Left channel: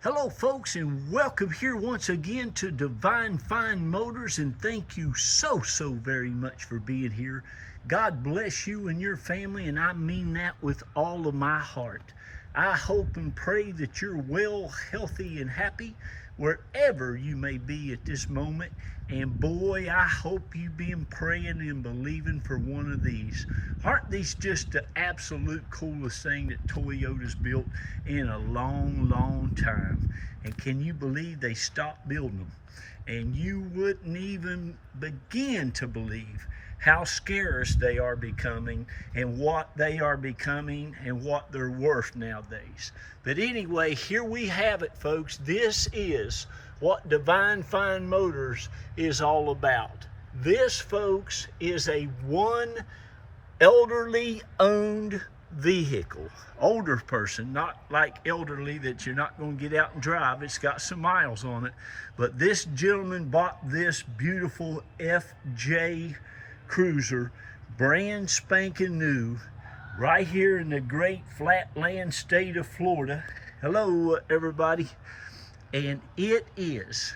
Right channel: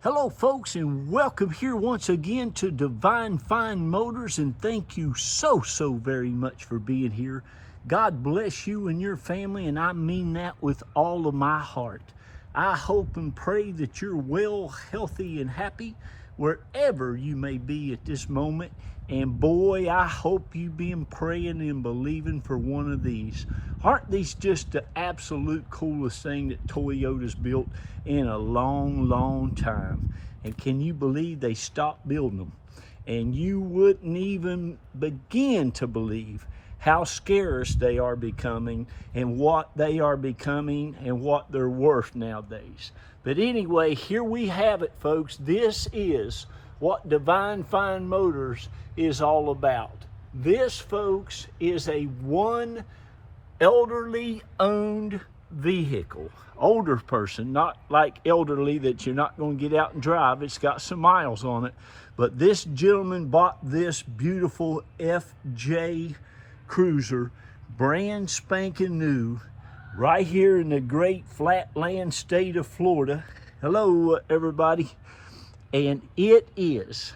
Hello folks, and welcome here once again to Divine Fine Motors, and thank you so very much for being here. God bless you and your family, and I mean that with all of my heart. I hope and pray that you're well, healthy, and happy wherever you may be at this moment. And boy, I hope you've been praying and believing for one of these. Aren't these just the absolute coolest thing that Toyota's built in a long time? And can you believe they stopped building them? And you wouldn't even begin to believe how scarce they are becoming and what they are becoming and what they're worth nowadays. But anyway, here we have it, folks. This is what Divine Fine Motors is all about. This, folks, is a one elderly owned vehicle. Older person, not like elderly that you're not going to get out and drive. It's got some miles on it. But this gentleman bought this beautiful FJ Cruiser, brand spanking new, right here in the great flatland state of Florida. Hello, everybody. And it is,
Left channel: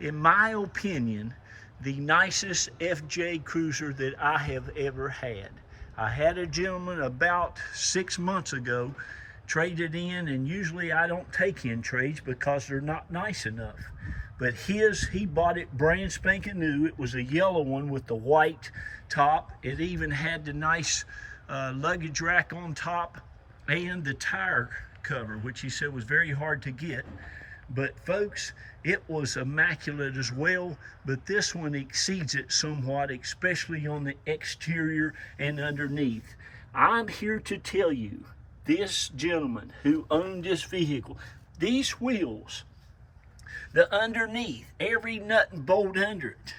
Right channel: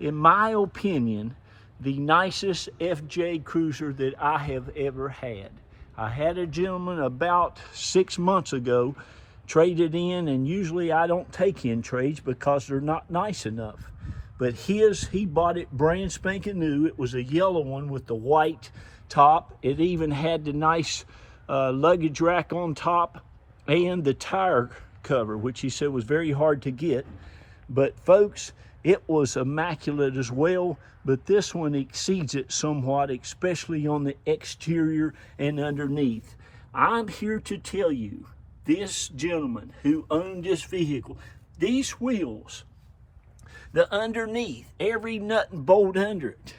in my opinion, the nicest FJ Cruiser that I have ever had. I had a gentleman about 6 months ago traded in, and usually I don't take in trades because they're not nice enough. But he bought it brand spanking new. It was a yellow one with the white top. It even had the nice luggage rack on top and the tire cover, which he said was very hard to get. But folks, it was immaculate as well, but this one exceeds it somewhat, especially on the exterior and underneath. I'm here to tell you, this gentleman who owned this vehicle, these wheels, the underneath, every nut and bolt under it,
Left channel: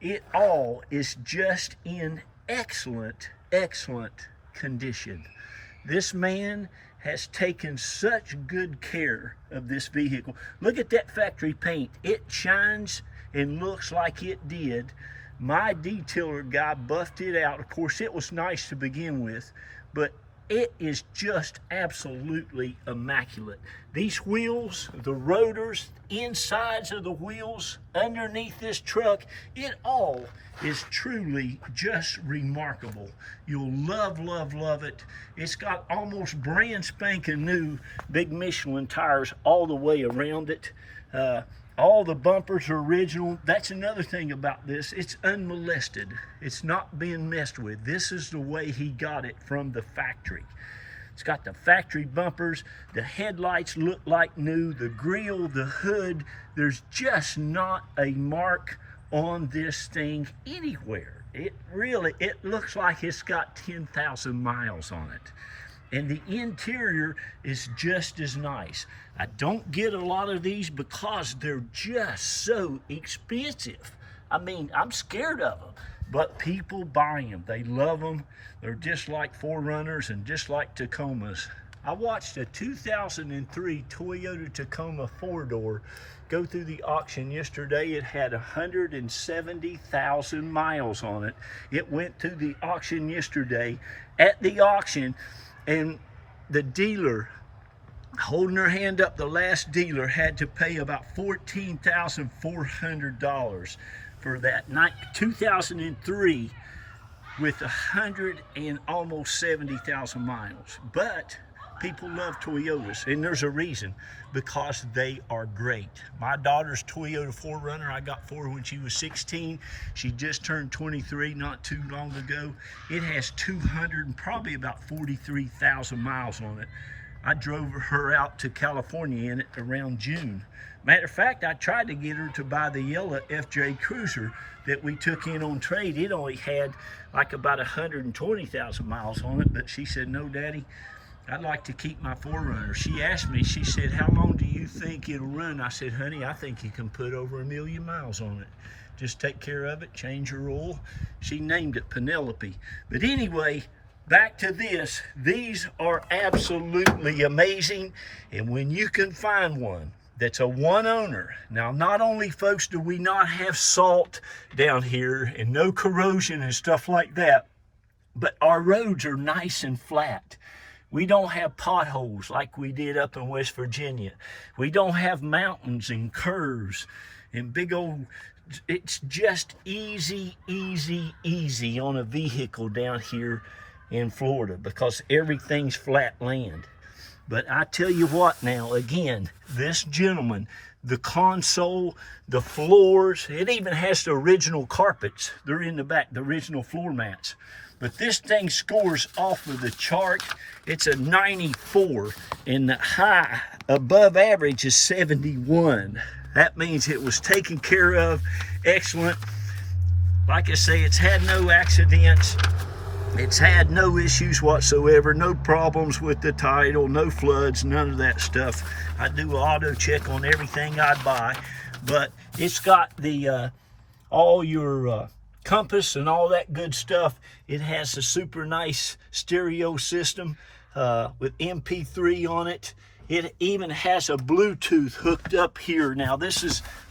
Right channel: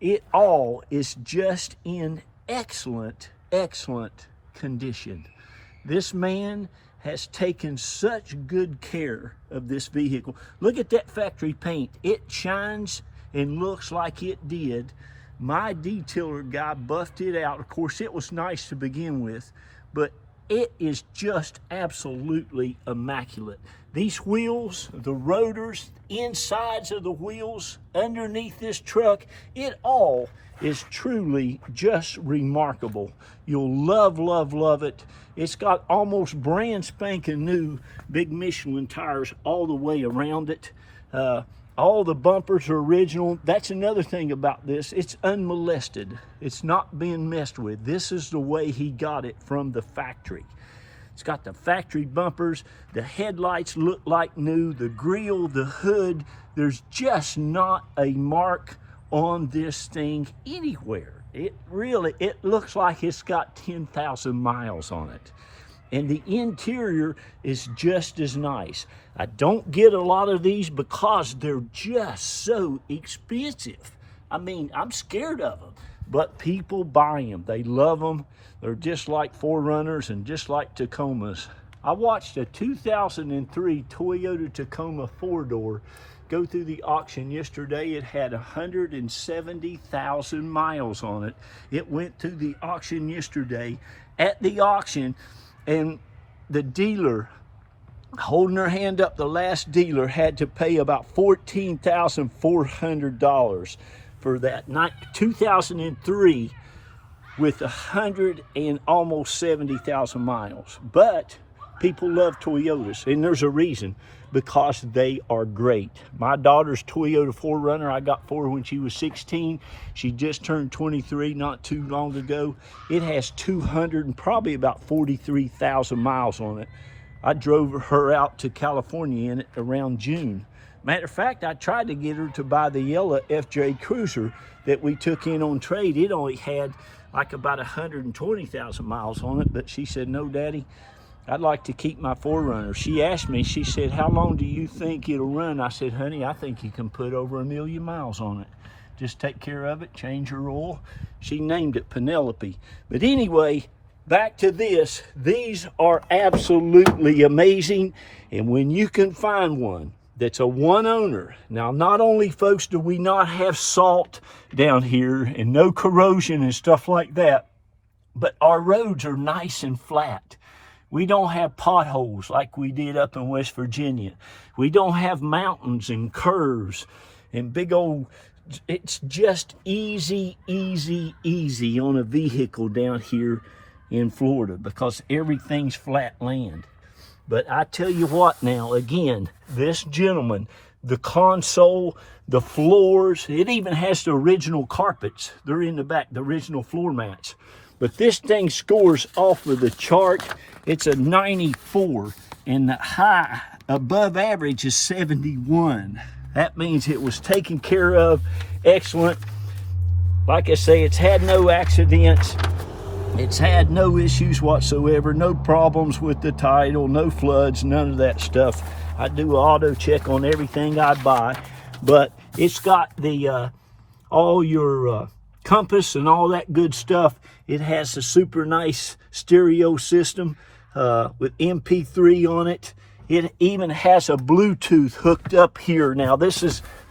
it all is just in excellent condition. This man has taken such good care of this vehicle. Look at that factory paint. It shines and looks like it did. My detailer guy buffed it out. Of course, it was nice to begin with, but it is just absolutely immaculate. These wheels, the rotors, insides of the wheels, underneath this truck, it all is truly just remarkable. You'll love it. It's got almost brand spanking new big Michelin tires all the way around it. All the bumpers are original. That's another thing about this. It's unmolested. It's not being messed with. This is the way he got it from the factory. It's got the factory bumpers. The headlights look like new. The grille, the hood, there's just not a mark on this thing anywhere. It looks like it's got 10,000 miles on it. And the interior is just as nice. I don't get a lot of these because they're just so expensive. I mean, I'm scared of them, but people buy them. They love them. They're just like 4Runners and just like Tacomas. I watched a 2003 Toyota Tacoma 4-door go through the auction yesterday. It had 170,000 miles on it. It went through the auction yesterday. At the auction, and the dealer, holding her hand up, the last dealer had to pay about $14,400 for that 2003 with 170,000 miles. But people love Toyotas, and there's a reason, because they are great. My daughter's Toyota 4Runner, I got for her when she was 16. She just turned 23 not too long ago. It has 200 and probably about 43,000 miles on it. I drove her out to California in it around June. Matter of fact, I tried to get her to buy the yellow FJ Cruiser that we took in on trade. It only had like about 120,000 miles on it, but she said, no, Daddy, I'd like to keep my 4Runner. She asked me, she said, how long do you think it'll run? I said, honey, I think you can put over 1 million miles on it. Just take care of it, change your oil. She named it Penelope. But anyway, back to this. These are absolutely amazing. And when you can find one that's a one owner. Now, not only, folks, do we not have salt down here and no corrosion and stuff like that, but our roads are nice and flat. We don't have potholes like we did up in West Virginia. We don't have mountains and curves and big old, it's just easy, easy, easy on a vehicle down here in Florida because everything's flat land. But I tell you what now, again, this gentleman, the console, the floors, it even has the original carpets. They're in the back, the original floor mats. But this thing scores off of the chart. It's a 94, and the high above average is 71. That means it was taken care of, excellent. Like I say, it's had no accidents. It's had no issues whatsoever, no problems with the title, no floods, none of that stuff. I do an auto check on everything I buy, but it's got the all your compass and all that good stuff. It has a super nice stereo system with MP3 on it. It even has a Bluetooth hooked up here. Now this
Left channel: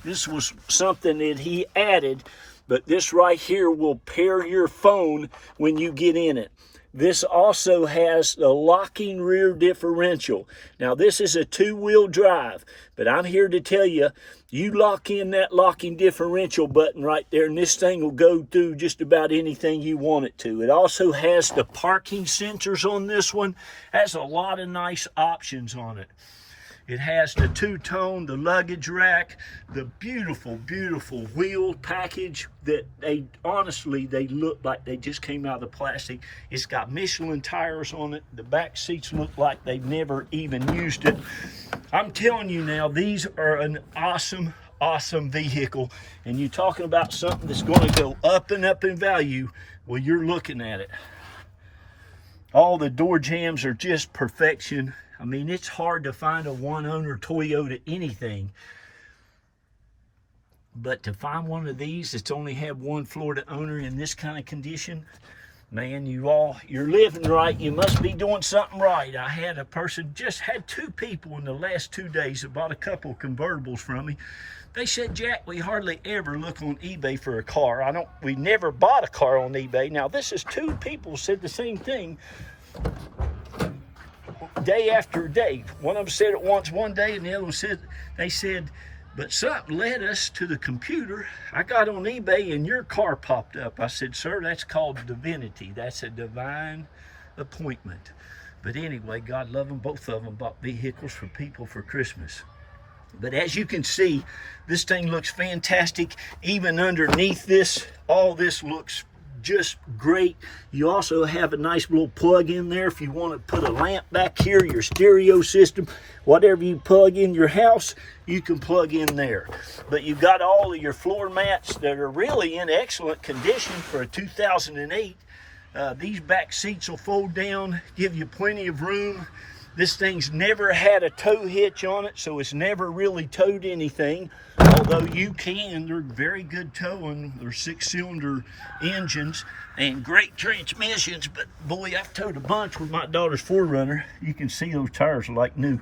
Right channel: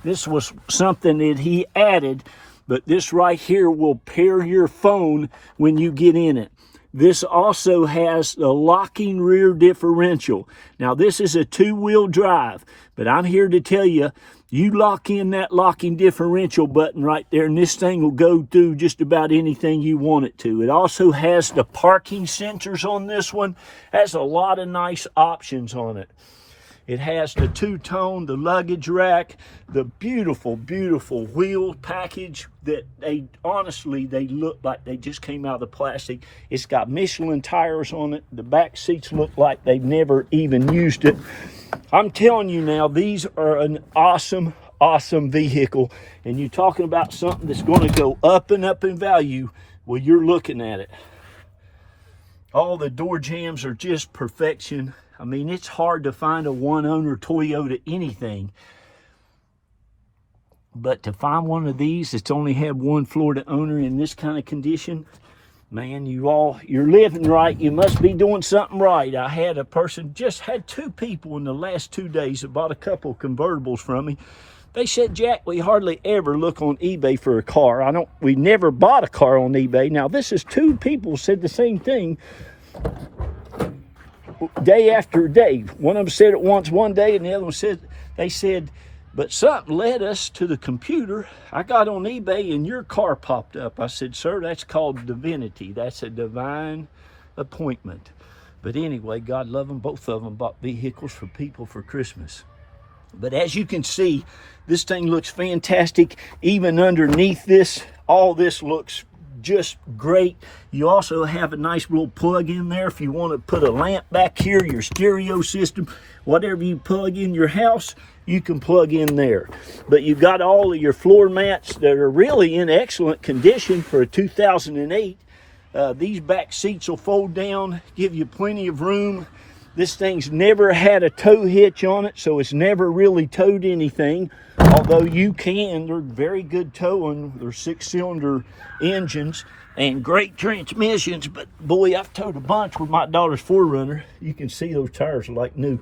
was something that he added, but this right here will pair your phone when you get in it. This also has the locking rear differential. Now this is a 2-wheel drive, but I'm here to tell you, you lock in that locking differential button right there and this thing will go through just about anything you want it to. It also has the parking sensors on this one. Has a lot of nice options on it. It has the two-tone, the luggage rack, the beautiful, beautiful wheel package that honestly, they look like they just came out of the plastic. It's got Michelin tires on it. The back seats look like they've never even used it. I'm telling you now, these are an awesome, awesome vehicle. And you're talking about something that's going to go up and up in value. Well, you're looking at it. All the door jambs are just perfection. I mean, it's hard to find a one-owner Toyota anything. But to find one of these that's only had one Florida owner in this kind of condition, man, you're living right. You must be doing something right. I had a person, just had 2 people in the last 2 days that bought a couple of convertibles from me. They said, Jack, we hardly ever look on eBay for a car. We never bought a car on eBay. Now, this is 2 people said the same thing day after day. One of them said it once one day, and the other one said, they said, but something led us to the computer. I got on eBay and your car popped up. I said, sir, that's called divinity. That's a divine appointment. But anyway, God love them. Both of them bought vehicles for people for Christmas. But as you can see, this thing looks fantastic. Even underneath this, all this looks just great. You also have a nice little plug in there if you want to put a lamp back here, your stereo system, whatever you plug in your house, you can plug in there. But you've got all of your floor mats that are really in excellent condition for a 2008. These back seats will fold down, give you plenty of room. This thing's never had a tow hitch on it, so it's never really towed anything. Although you can, they're very good towing. They're 6-cylinder engines and great transmissions. But boy, I've towed a bunch with my daughter's 4Runner. You can see those tires are like new.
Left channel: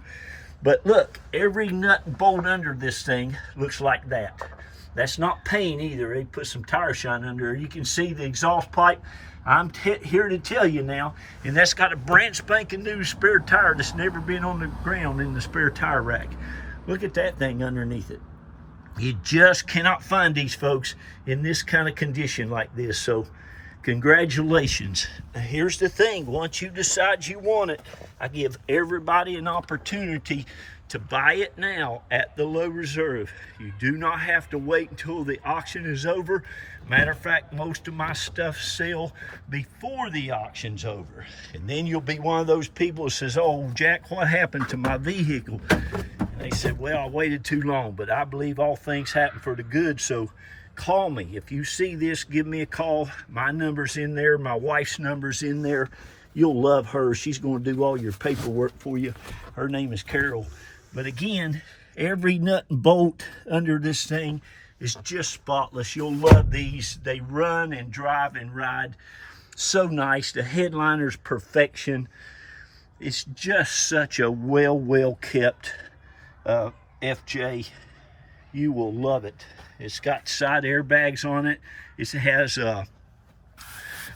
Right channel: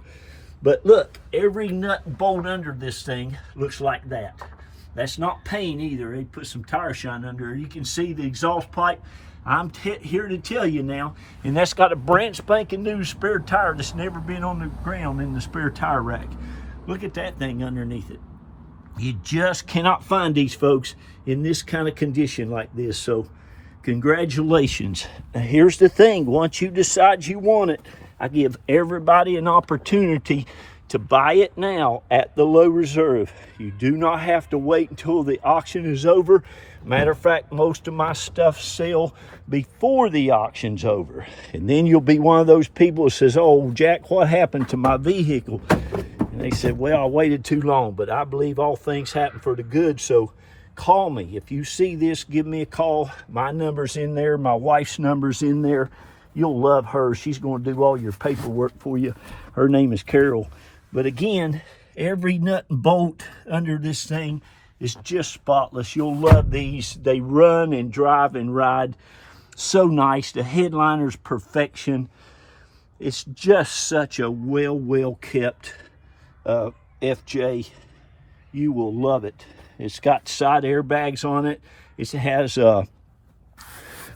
But look, every nut and bolt under this thing looks like that. That's not paint either. They put some tire shine under there. You can see the exhaust pipe. I'm here to tell you now, and that's got a brand spanking new spare tire that's never been on the ground in the spare tire rack. Look at that thing underneath it. You just cannot find these folks in this kind of condition like this. So congratulations. Here's the thing, once you decide you want it, I give everybody an opportunity to buy it now at the low reserve. You do not have to wait until the auction is over. Matter of fact, most of my stuff sell before the auction's over. And then you'll be one of those people that says, oh, Jack, what happened to my vehicle? And they said, well, I waited too long, but I believe all things happen for the good. So call me. If you see this, give me a call. My number's in there. My wife's number's in there. You'll love her. She's going to do all your paperwork for you. Her name is Carol. But again, every nut and bolt under this thing is just spotless. You'll love these. They run and drive and ride so nice. The headliner's perfection. It's just such a well kept FJ. You will love it. It's got side airbags on it. It has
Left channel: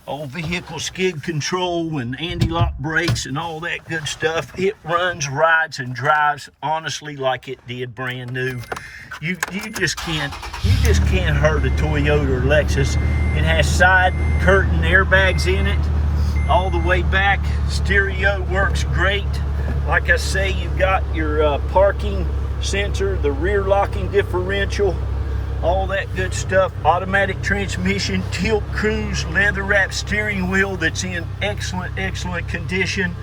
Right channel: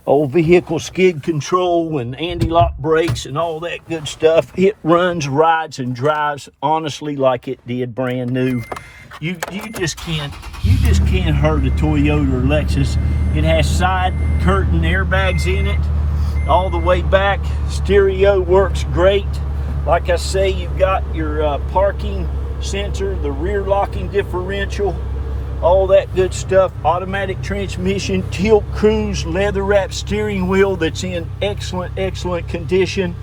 old vehicle skid control and anti-lock brakes and all that good stuff. It runs, rides, and drives honestly like it did brand new. You just can't hurt a Toyota or Lexus. It has side curtain airbags in it all the way back. Stereo works great. Like I say, you've got your parking sensor, the rear locking differential, all that good stuff. Automatic transmission, tilt cruise, leather wrapped steering wheel that's in excellent condition.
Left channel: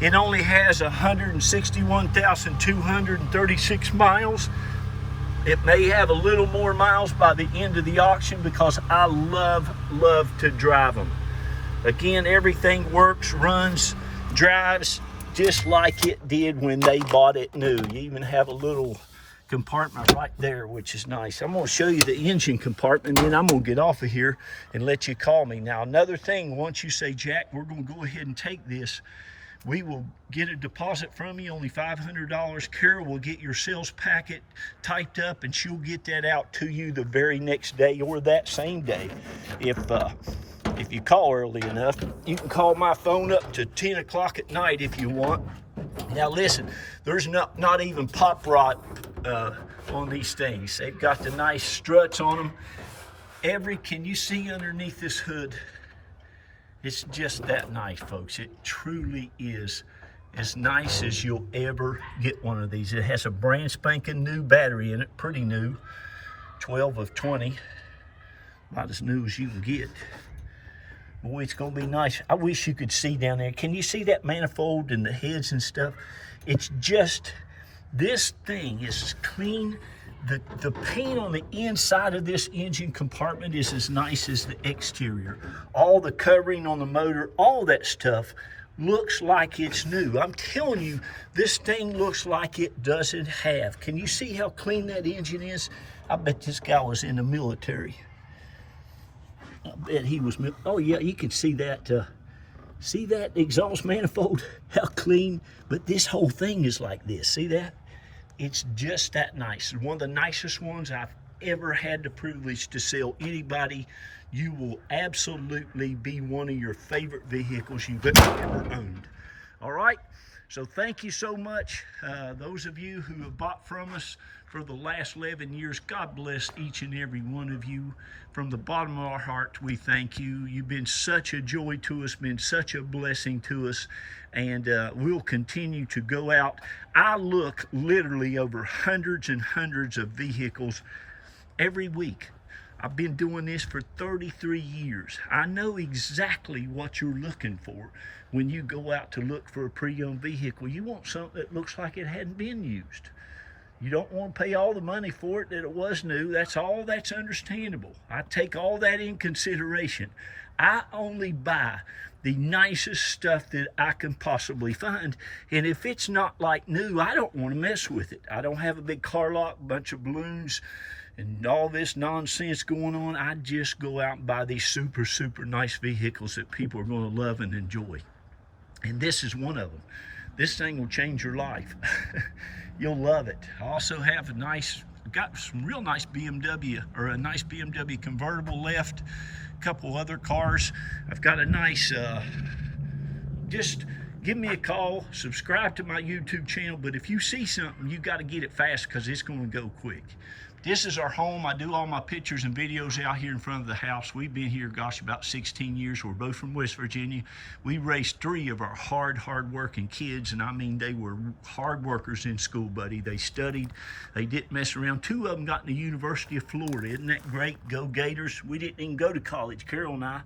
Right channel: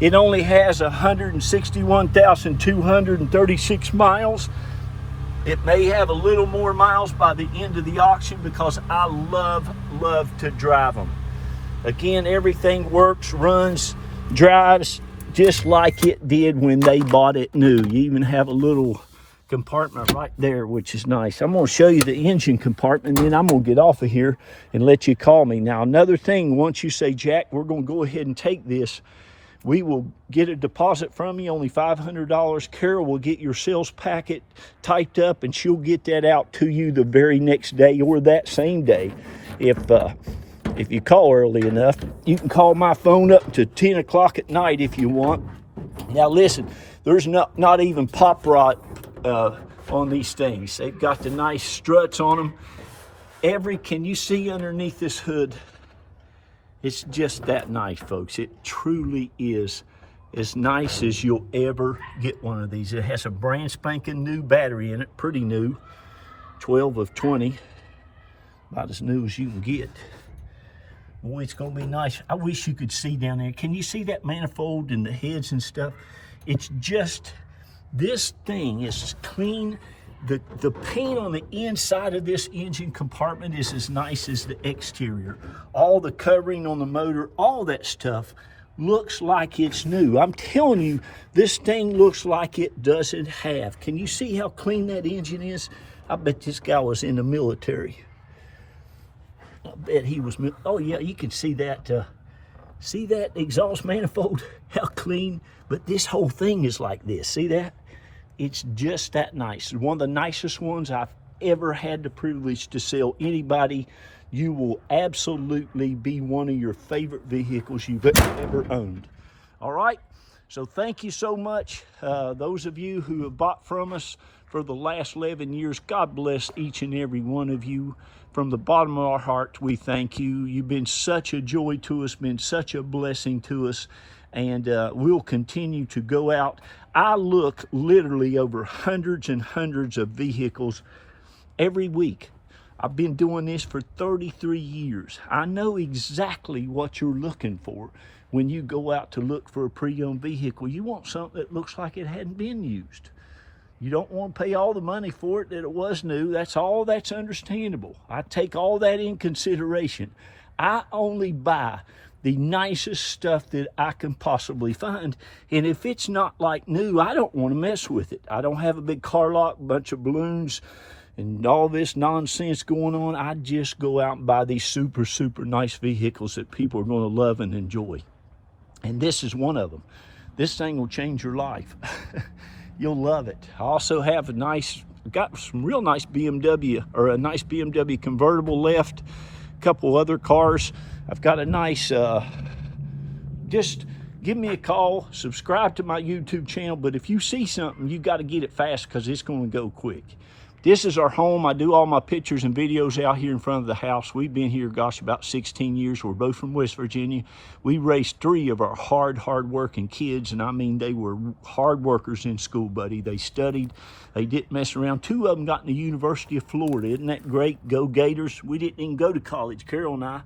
It only has 161,236 miles. It may have a little more miles by the end of the auction because I love to drive them. Again, everything works, runs, drives just like it did when they bought it new. You even have a little compartment right there, which is nice. I'm going to show you the engine compartment, and then I'm going to get off of here and let you call me. Now, another thing, once you say, Jack, we're going to go ahead and take this, we will get a deposit from you, only $500. Carol will get your sales packet typed up, and she'll get that out to you the very next day or that same day. If you call early enough, you can call my phone up to 10 o'clock at night if you want. Now listen, there's not even pop rod on these things. They've got the nice struts on them. Can you see underneath this hood? It's just that nice, folks. It truly is as nice as you'll ever get one of these. It has a brand spanking new battery in it, pretty new, 12 of 20, about as new as you can get. Boy, it's gonna be nice. I wish you could see down there. Can you see that manifold and the heads and stuff? It's just, this thing is clean. The paint on the inside of this engine compartment is as nice as the exterior. All the covering on the motor, all that stuff looks like it's new. I'm telling you, this thing looks like it doesn't have. Can you see how clean that engine is? I bet this guy was in the military. I bet he was, oh yeah, you can see that exhaust manifold, how clean, but this whole thing is like this, see that? It's just that nice. One of the nicest ones I've ever had the privilege to sell anybody. You will absolutely be one of your favorite vehicles you've ever owned. All right, so thank you so much. Those of you who have bought from us for the last 11 years, God bless each and every one of you. From the bottom of our heart, we thank you. You've been such a joy to us, been such a blessing to us, and we'll continue to go out. I look literally over hundreds and hundreds of vehicles every week. I've been doing this for 33 years. I know exactly what you're looking for when you go out to look for a pre-owned vehicle. You want something that looks like it hadn't been used. You don't want to pay all the money for it that it was new. That's understandable. I take all that in consideration. I only buy the nicest stuff that I can possibly find. And if it's not like new, I don't want to mess with it. I don't have a big car lot, bunch of balloons, and all this nonsense going on. I just go out and buy these super nice vehicles that people are going to love and enjoy. And this is one of them. This thing will change your life. You'll love it. I also have got some real nice BMW, or a nice BMW convertible left, a couple other cars. I've got a nice, just give me a call, subscribe to my YouTube channel, but if you see something, you got to get it fast because it's going to go quick. This is our home. I do all my pictures and videos out here in front of the house. We've been here, gosh, about 16 years. We're both from West Virginia. We raised 3 of our hard-working kids, and I mean, they were hard workers in school, buddy. They studied. They didn't mess around. 2 of them got in the University of Florida. Isn't that great? Go Gators. We didn't even go to college, Carol and I.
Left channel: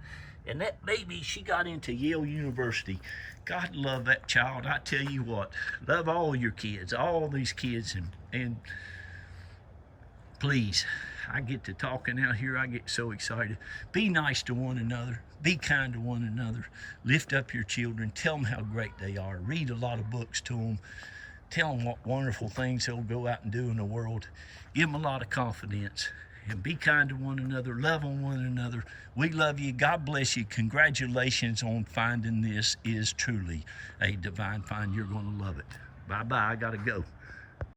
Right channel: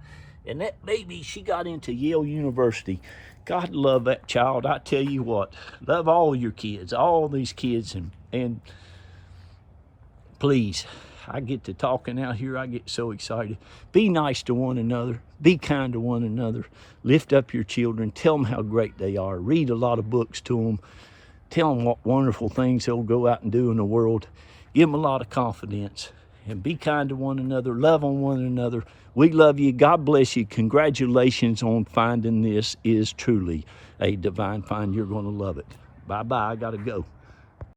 And that baby, she got into Yale University. God love that child. I tell you what, love all your kids, all these kids, and please, I get to talking out here, I get so excited. Be nice to one another. Be kind to one another. Lift up your children. Tell them how great they are. Read a lot of books to them. Tell them what wonderful things they'll go out and do in the world. Give them a lot of confidence. And be kind to one another. Love on one another. We love you. God bless you. Congratulations on finding this. Is truly a divine find. You're going to love it. Bye-bye. I got to go.